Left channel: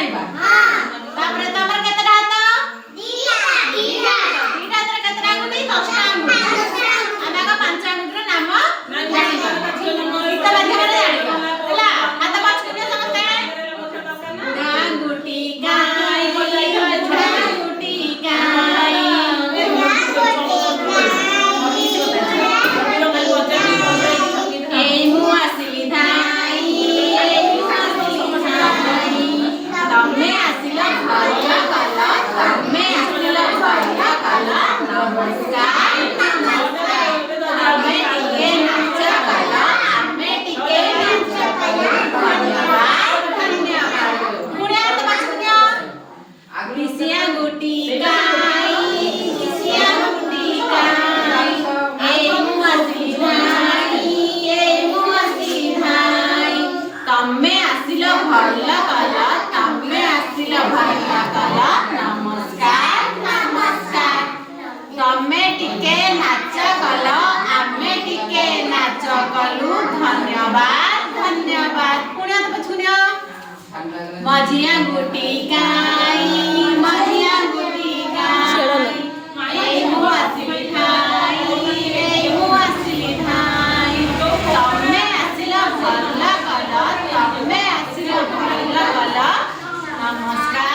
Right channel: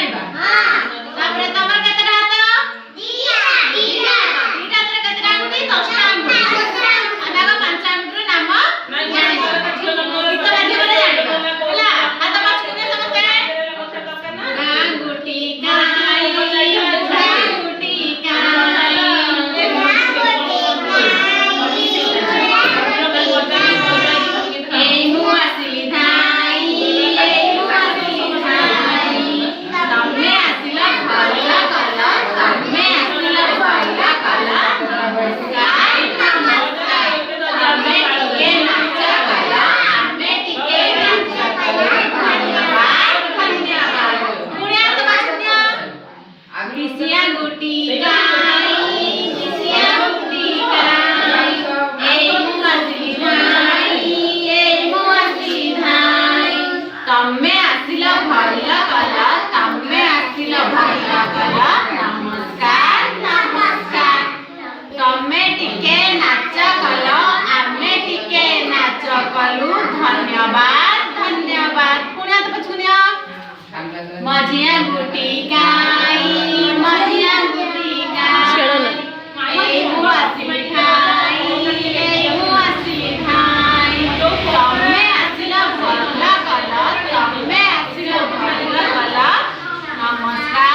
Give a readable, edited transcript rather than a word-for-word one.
जानिबा हां तापर तमर केतरा हात दीटा दीटा तर केतरा गुटी 10 टा गुटी आमे को 5 गुटीर नाम जानिबा गीत माध्यम रे जानिबा हला हात बाछ के समझते गांगुटी गाई गांगुटी गाई ए मु आसिली धाई ए मु आसिली धाई तमे आसिला भला कला तमे आसिला भला कला नमस्कार नमस्कार तमे टिके नाच कला आमे टिके नाच कला धन्यवाद धन्यवाद पुण्या तो बाछुण्या किसिया गुटी गाई किसिया गुटी गाई ए मु आसिली धाई ए मु आसिली धाई तमे आसिला भला कला तमे आसिला भला कला नमस्कार नमस्कार तमे टिके नाच कला आमे टिके नाच कलु धन्यवाद धन्यवाद पुण्या तो पछुण्या मझिया गुटी गाई मझिया गुटी गाई ए मु आसिली धाई ए मु आसिली धाई तमे आसिला भला कला तमे आसिला भला कला नमस्कार